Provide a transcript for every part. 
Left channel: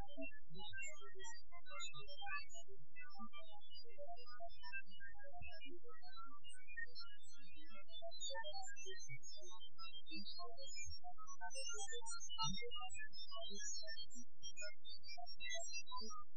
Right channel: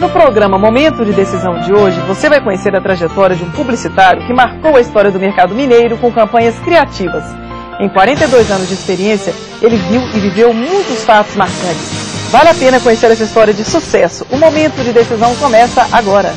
No programa Momento de Decisão de hoje, você vai conhecer a trajetória de um publicitário que marcou a história do mercado mineiro com campanhas criativas. Em 42 anos de experiência, ele viu e viveu muitos fatos marcantes. Vale a pena conhecer essa história de sucesso. O Momento de Decisão começa agora.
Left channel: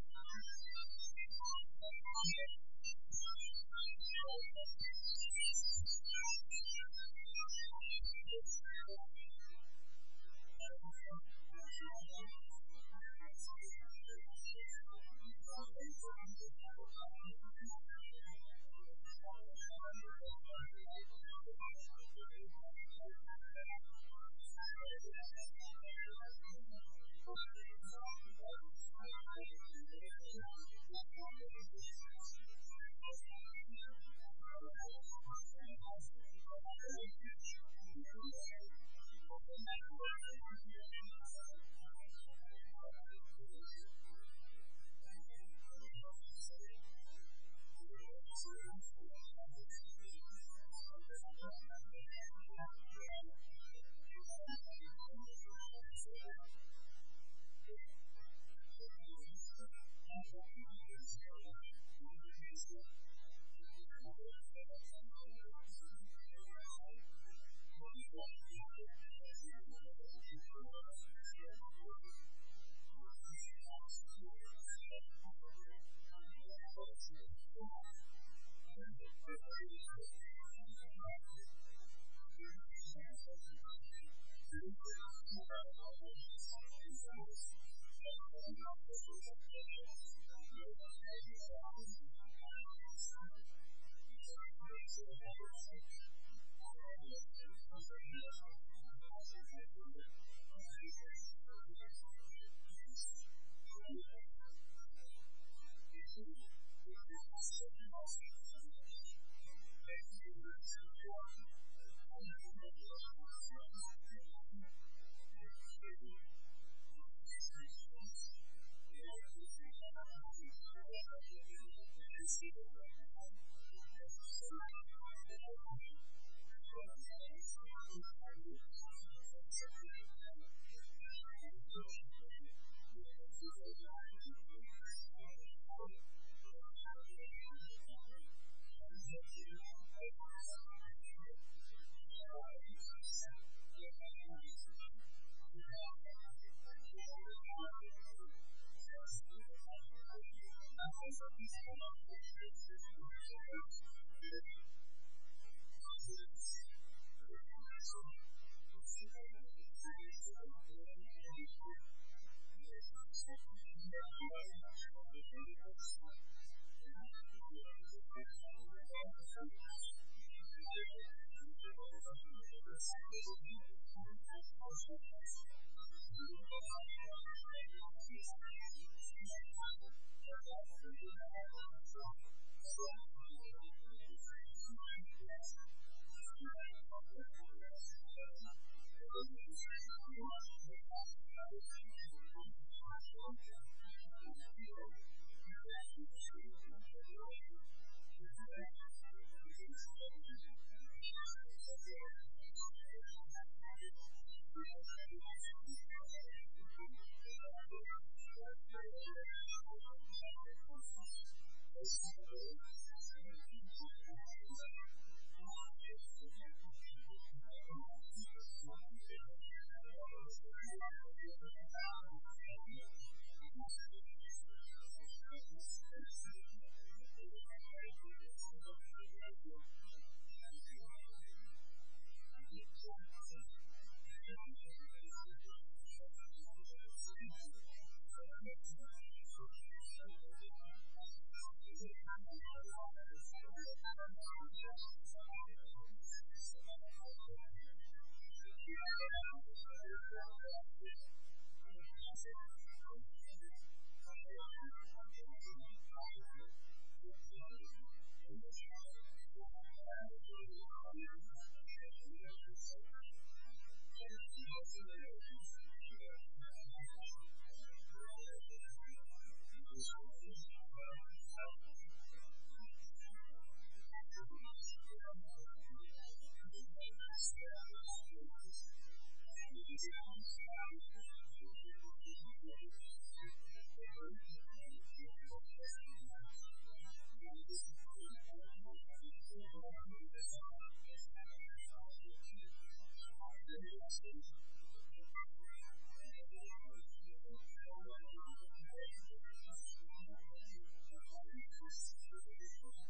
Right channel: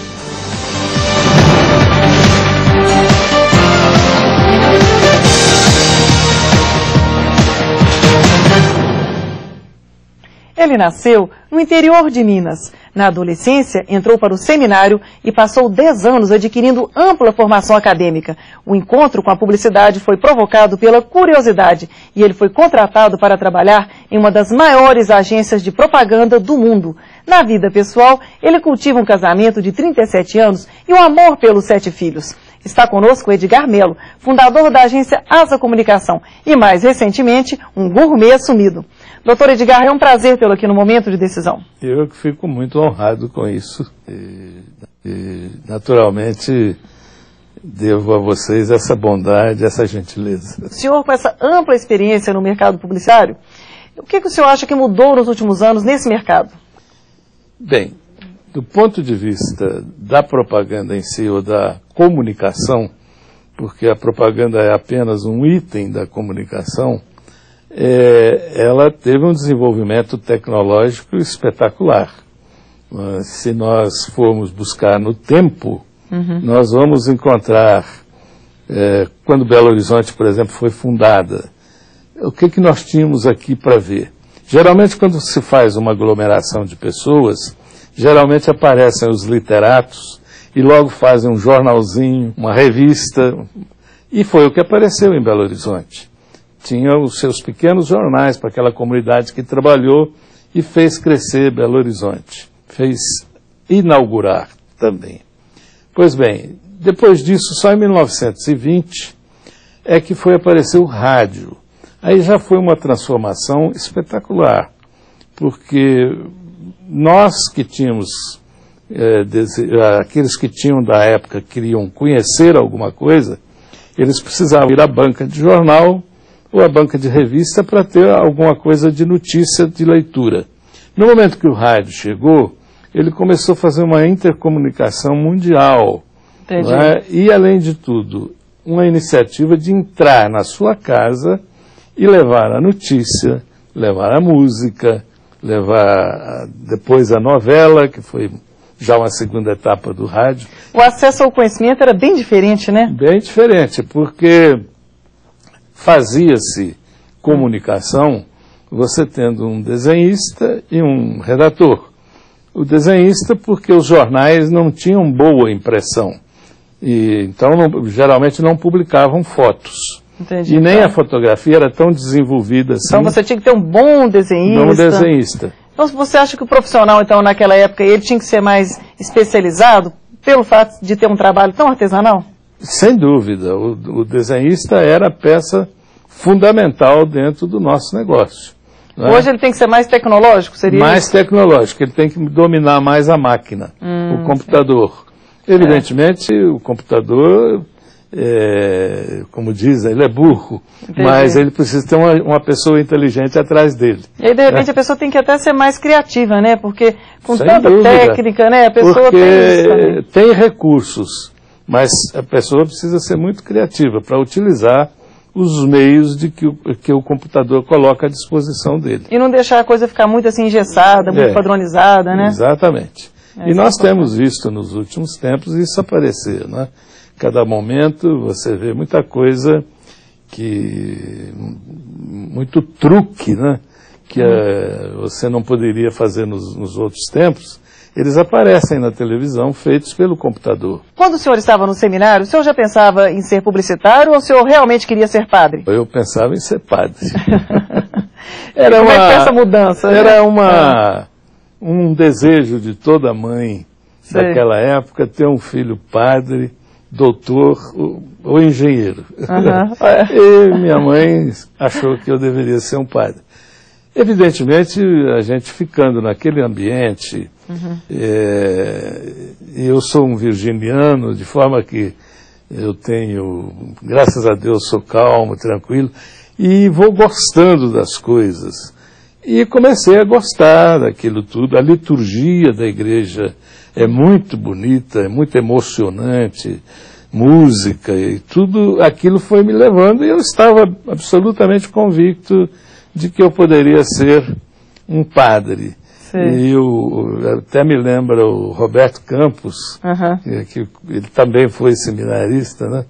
Ele nasceu no interior de Minas. Na adolescência, entrou para o seminário e passou 10 anos adquirindo ampla formação acadêmica. O encontro com a publicidade foi provocado pela curiosidade e ele foi contratado para trabalhar em uma das maiores agências de propaganda do mundo. Na vida pessoal, ele cultiva um casamento de 37 anos e um amor pelos 7 filhos. Está conosco Edgar Melo, fundador da agência Asa Comunicação e, mais recentemente, um gourmet assumido. Doutor Edgar, é um prazer tê-lo aqui no Momento de Decisão. Eu que fico muito honrado com isso e naturalmente, devo a vocês essa bondade, essa gentileza. O senhor, com essa ampla experiência no mercado publicitário, o que o senhor acha que mudou nos últimos anos nesse mercado? Bem, do ponto de vista da propaganda em si ou da comunicação, porque a propaganda é apenas um item da comunicação, ela teve um desenvolvimento tecnológico espetacular. Se nós formos buscar no tempo, nós vamos encontrar, quando Belo Horizonte, por exemplo, foi fundada, o que nós tínhamos aqui para ver? Geralmente, quando se faz uma aglomeração de pessoas, geralmente aparecem os literatos e logo fazem um jornalzinho, uma revista, e foi o que apareceu em Belo Horizonte. Tinha os seus pequenos jornais para aquela comunidade que trabalhou e fez crescer Belo Horizonte. Fez inaugurar também. Pois bem, depois disso, só em 1920, é que foi aparecer o rádio. Aí já foi uma transformação espetacular, porque nós que tínhamos, aqueles que tinham da época, queriam conhecer alguma coisa, eles precisavam ir à banca de jornal ou à banca de revista para ter alguma coisa de notícia, de leitura. No momento que o rádio chegou, ele começou a fazer uma intercomunicação mundial. Não é? E, além de tudo, uma iniciativa de entrar na sua casa e levar a notícia, levar a música, levar depois a novela, que foi já uma segunda etapa do rádio. O acesso ao conhecimento era bem diferente, né? Bem diferente, porque fazia-se comunicação você tendo um desenhista e um redator. O desenhista porque os jornais não tinham boa impressão, e então geralmente não publicavam fotos. Entendi, e nem a fotografia era tão desenvolvida assim. Então você tinha que ter um bom desenhista. Bom desenhista. Então você acha que o profissional, então, naquela época, ele tinha que ser mais especializado pelo fato de ter um trabalho tão artesanal? Sem dúvida. O desenhista era a peça fundamental dentro do nosso negócio. Hoje ele tem que ser mais tecnológico, seria mais isso? Tecnológico, ele tem que dominar mais a máquina, o computador. Sim. Evidentemente, o computador, como dizem, ele é burro, mas ele precisa ter uma pessoa inteligente atrás dele. E aí, de repente, a pessoa tem que até ser mais criativa, né? Porque com sem tanta dúvida, técnica, né? A pessoa porque tem isso também. Tem recursos, mas a pessoa precisa ser muito criativa para utilizar os meios que o computador coloca à disposição dele. E não deixar a coisa ficar muito assim engessada, muito padronizada, né? Exatamente. E nós temos visto nos últimos tempos isso aparecer, né? Cada momento você vê muita coisa muito truque, né? Que você não poderia fazer nos outros tempos. Eles aparecem na televisão feitos pelo computador. Quando o senhor estava no seminário, o senhor já pensava em ser publicitário ou o senhor realmente queria ser padre? Eu pensava em ser padre. Como é que foi essa mudança? Era um desejo de toda mãe daquela época ter um filho padre, doutor ou engenheiro. E minha mãe achou que eu deveria ser um padre. Evidentemente, a gente ficando naquele ambiente, eu sou um virginiano, de forma que eu tenho, graças a Deus, sou calmo, tranquilo, e vou gostando das coisas. E comecei a gostar daquilo tudo. A liturgia da igreja é muito bonita, é muito emocionante, música e tudo aquilo foi me levando, e eu estava absolutamente convicto de que eu poderia ser um padre. Sim. E eu até me lembro o Roberto Campos, que ele também foi seminarista, né?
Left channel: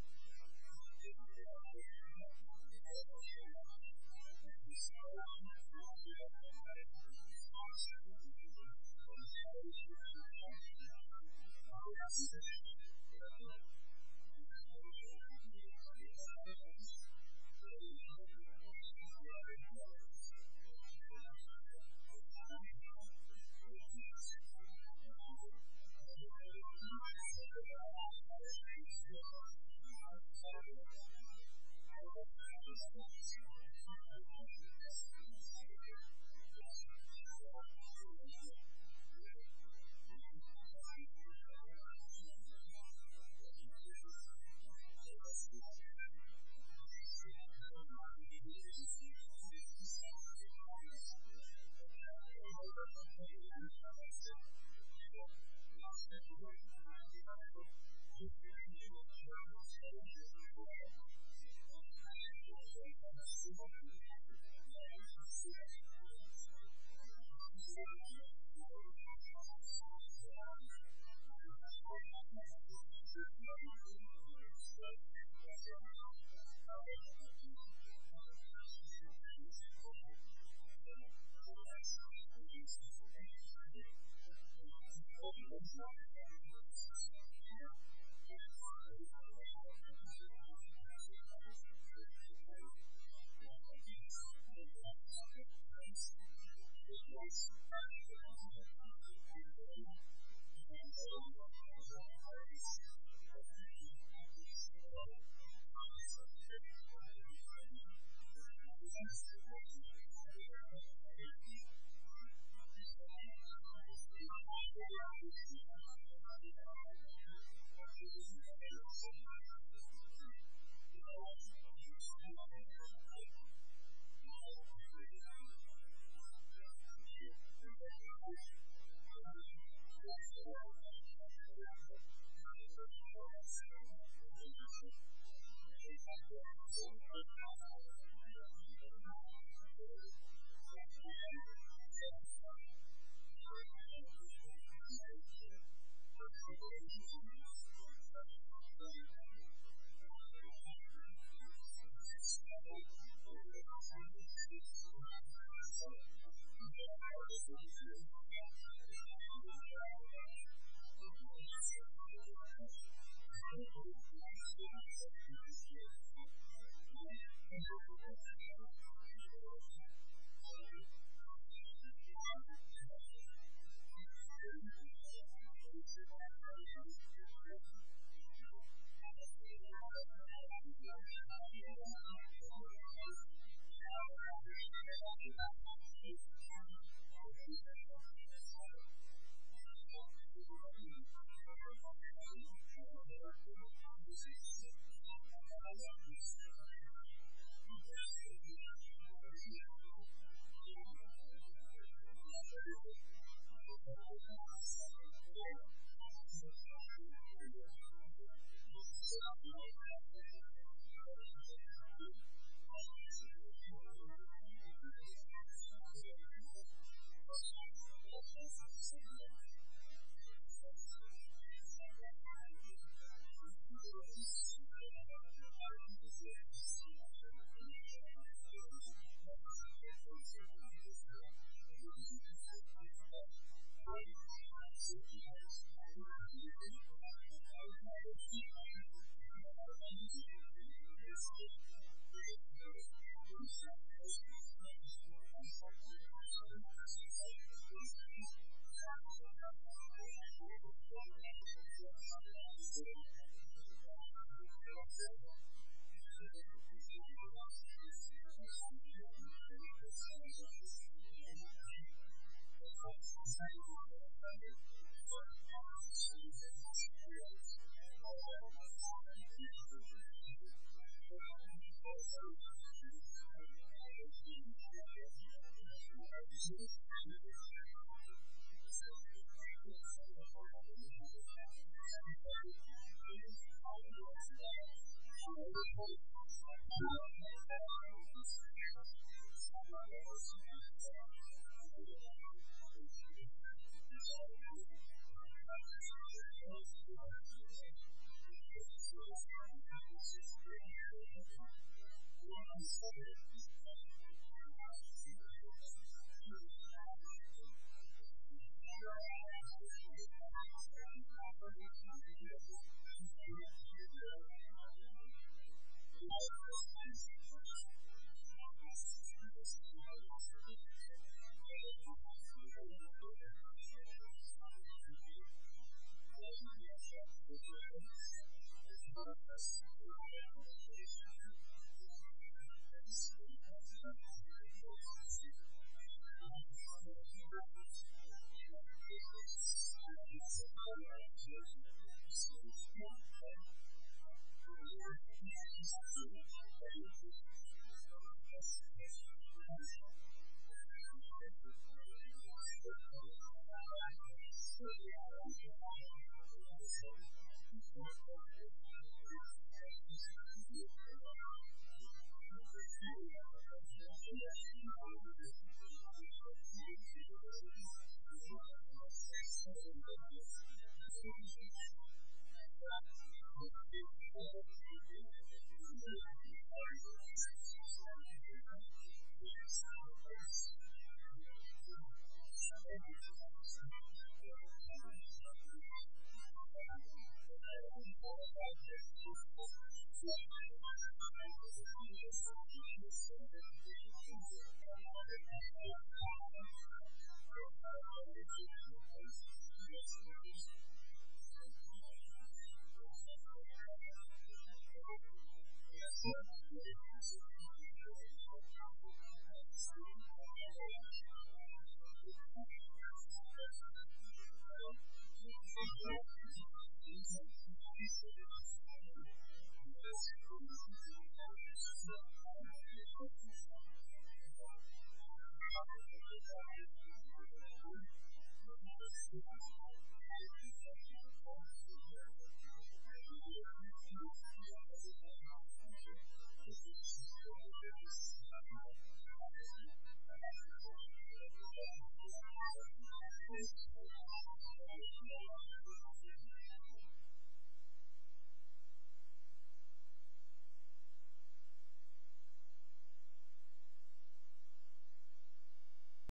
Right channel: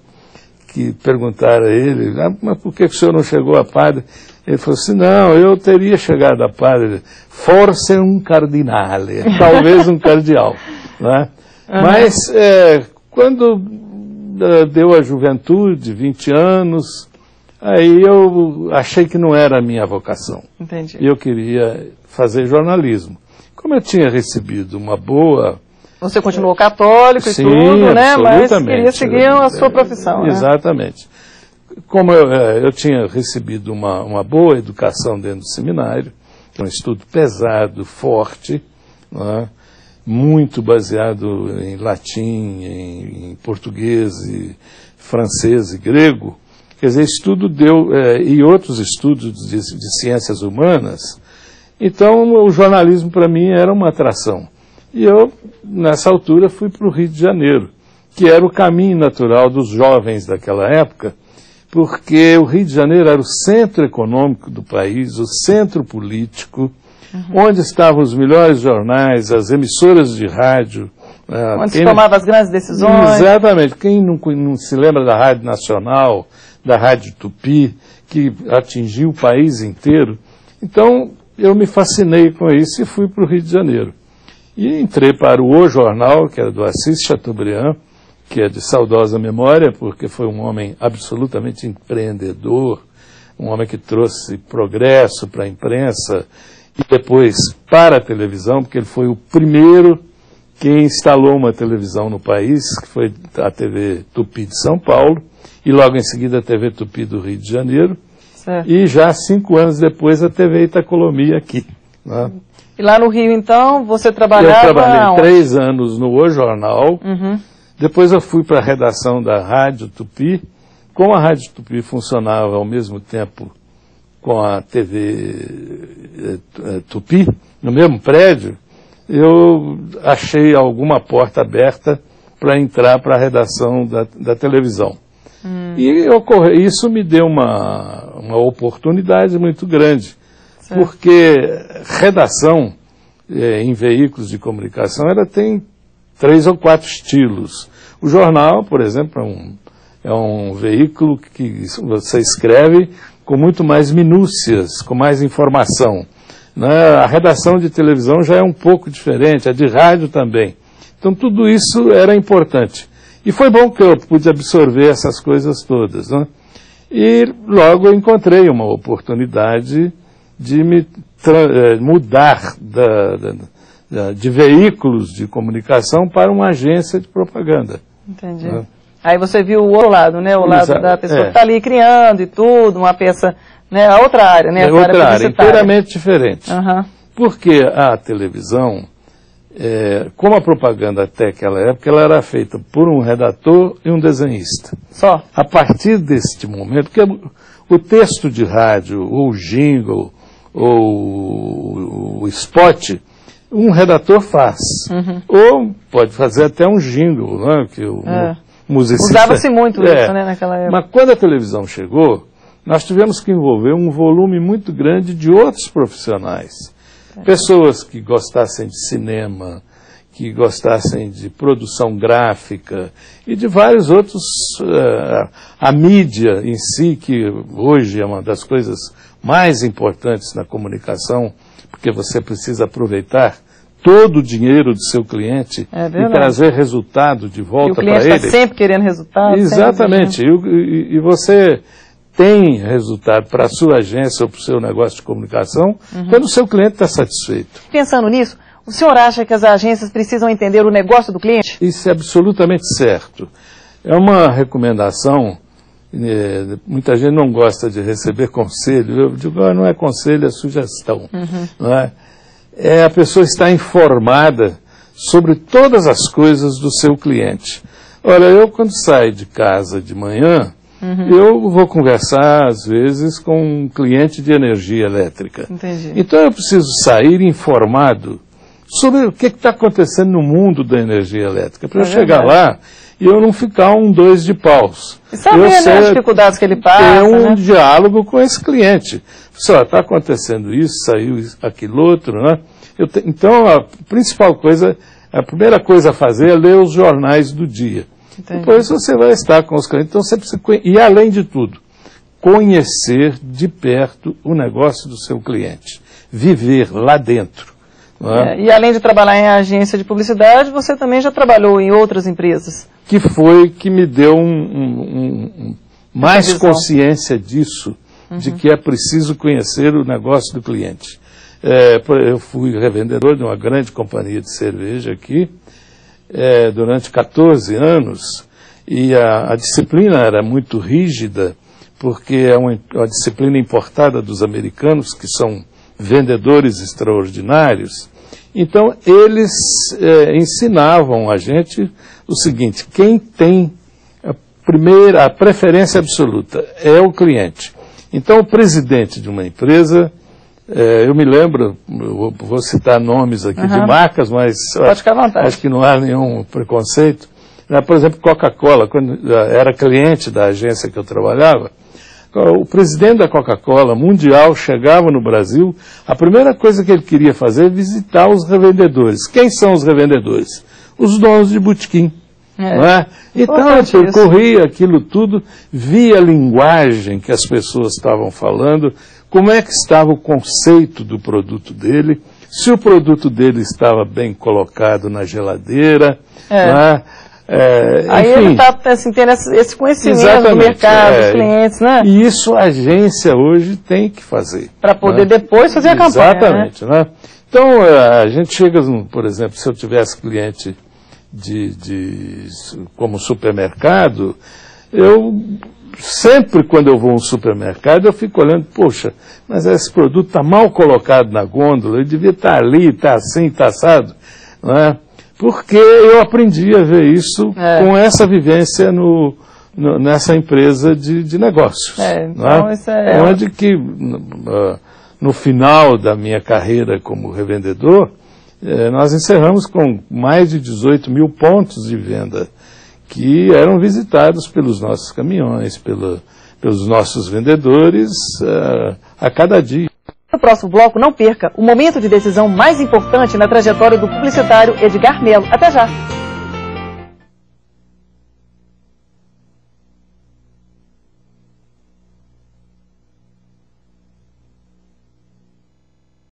Que perguntaram a ele, mas por que o senhor não chegou a padre? Ele falou assim, não, eu teria chegado a padre, forse um cardinale, talvez um cardeal. Né? Mas quando deu a juventude, 20 anos, aí eu achei que não era a minha vocação. Entendi. E eu queria fazer jornalismo. Como eu tinha recebido uma boa... Você continuou católico e tudo, né? Mas queria seguir a sua profissão. Exatamente. Né? Como eu tinha recebido uma boa educação dentro do seminário, um estudo pesado, forte, né? Muito baseado em latim, em português, e francês e grego, quer dizer, estudo e outros estudos de ciências humanas. Então, o jornalismo para mim era uma atração. E eu, nessa altura, fui para o Rio de Janeiro, que era o caminho natural dos jovens daquela época, porque o Rio de Janeiro era o centro econômico do país, o centro político, onde estavam os melhores jornais, as emissoras de rádio. Onde se tomava as grandes decisões. Exatamente. Quem não se lembra da Rádio Nacional, da Rádio Tupi, que atingiu o país inteiro. Então, eu me fascinei com isso e fui para o Rio de Janeiro. E entrei para o Jornal, que era do Assis Chateaubriand, que é de saudosa memória, porque foi um homem absolutamente empreendedor, um homem que trouxe progresso para a imprensa e depois para a televisão, porque ele foi o primeiro que instalou uma televisão no país, que foi a TV Tupi de São Paulo, e logo em seguida a TV Tupi do Rio de Janeiro, certo. E já 5 anos depois a TV Itacolomi aqui. Né? E lá no Rio, então, você trabalhava... Eu trabalhei 3 anos no O Jornal, depois eu fui para a redação da Rádio Tupi. Como a Rádio Tupi funcionava ao mesmo tempo com a TV Tupi, no mesmo prédio, eu achei alguma porta aberta para entrar para a redação da televisão. E isso me deu uma oportunidade muito grande, certo. Porque redação em veículos de comunicação ela tem 3 ou 4 estilos. O jornal, por exemplo, é um veículo que você escreve com muito mais minúcias, com mais informação. Né? A redação de televisão já é um pouco diferente, a de rádio também. Então tudo isso era importante. E foi bom que eu pude absorver essas coisas todas. Né? E logo eu encontrei uma oportunidade de me mudar de veículos de comunicação para uma agência de propaganda. Entendi. Né? Aí você viu o outro lado, né? O lado da pessoa que está ali criando e tudo, uma peça, né? A outra área, né? A outra área, inteiramente diferente. Porque a televisão, como a propaganda até aquela época, ela era feita por um redator e um desenhista. Só? A partir deste momento, porque o texto de rádio, ou o jingle, ou o spot, um redator faz. Ou pode fazer até um jingle, né? Que o musicista... Usava-se muito isso, né, naquela época. Mas quando a televisão chegou, nós tivemos que envolver um volume muito grande de outros profissionais. Pessoas que gostassem de cinema, que gostassem de produção gráfica e de vários outros... a mídia em si, que hoje é uma das coisas mais importantes na comunicação, porque você precisa aproveitar todo o dinheiro do seu cliente e trazer resultado de volta para ele. E o cliente está sempre querendo resultado. Exatamente. E você tem resultado para a sua agência ou para o seu negócio de comunicação quando o seu cliente está satisfeito. Pensando nisso, o senhor acha que as agências precisam entender o negócio do cliente? Isso é absolutamente certo. É uma recomendação... muita gente não gosta de receber conselho. Eu digo, não é conselho, é sugestão. Não é? A pessoa está informada sobre todas as coisas do seu cliente. Olha, eu quando saio de casa de manhã, Eu vou conversar, às vezes, com um cliente de energia elétrica. Entendi. Então eu preciso sair informado sobre o que está acontecendo no mundo da energia elétrica, para eu chegar lá e eu não ficar um dois de paus. E saber, né, as dificuldades que ele passa. Ter um diálogo com esse cliente. Só está acontecendo isso, saiu aquilo outro, né? Então a principal coisa, a primeira coisa a fazer é ler os jornais do dia. Entendi. Depois você vai estar com os clientes. Então você precisa, e além de tudo, conhecer de perto o negócio do seu cliente. Viver lá dentro. E além de trabalhar em agência de publicidade, você também já trabalhou em outras empresas. Que foi que me deu mais consciência disso, de que é preciso conhecer o negócio do cliente. Eu fui revendedor de uma grande companhia de cerveja aqui, durante 14 anos, e a disciplina era muito rígida, porque é uma disciplina importada dos americanos, que são vendedores extraordinários. Então, eles ensinavam a gente o seguinte: quem tem a preferência absoluta é o cliente. Então, o presidente de uma empresa, eu me lembro, eu vou citar nomes aqui de marcas, mas pode ficar à vontade. Acho que não há nenhum preconceito. Por exemplo, Coca-Cola, quando era cliente da agência que eu trabalhava, o presidente da Coca-Cola mundial chegava no Brasil, a primeira coisa que ele queria fazer é visitar os revendedores. Quem são os revendedores? Os donos de botequim. Não é? Então eu percorria aquilo tudo, via a linguagem que as pessoas estavam falando, como é que estava o conceito do produto dele, se o produto dele estava bem colocado na geladeira, não é? Aí enfim, ele está assim, tendo esse conhecimento do mercado, dos clientes, né? E isso a agência hoje tem que fazer. Para poder depois fazer a campanha. Exatamente. Né? Então, a gente chega, por exemplo, se eu tivesse cliente como supermercado, eu sempre quando eu vou a um supermercado, eu fico olhando, poxa, mas esse produto está mal colocado na gôndola, ele devia estar ali, está assim, está assado, não é? Porque eu aprendi a ver isso com essa vivência nessa empresa de negócios. Então isso onde que, no final da minha carreira como revendedor, nós encerramos com mais de 18 mil pontos de venda que eram visitados pelos nossos caminhões, pelos nossos vendedores a cada dia. No próximo bloco, não perca o momento de decisão mais importante na trajetória do publicitário Edgar Mello. Até já!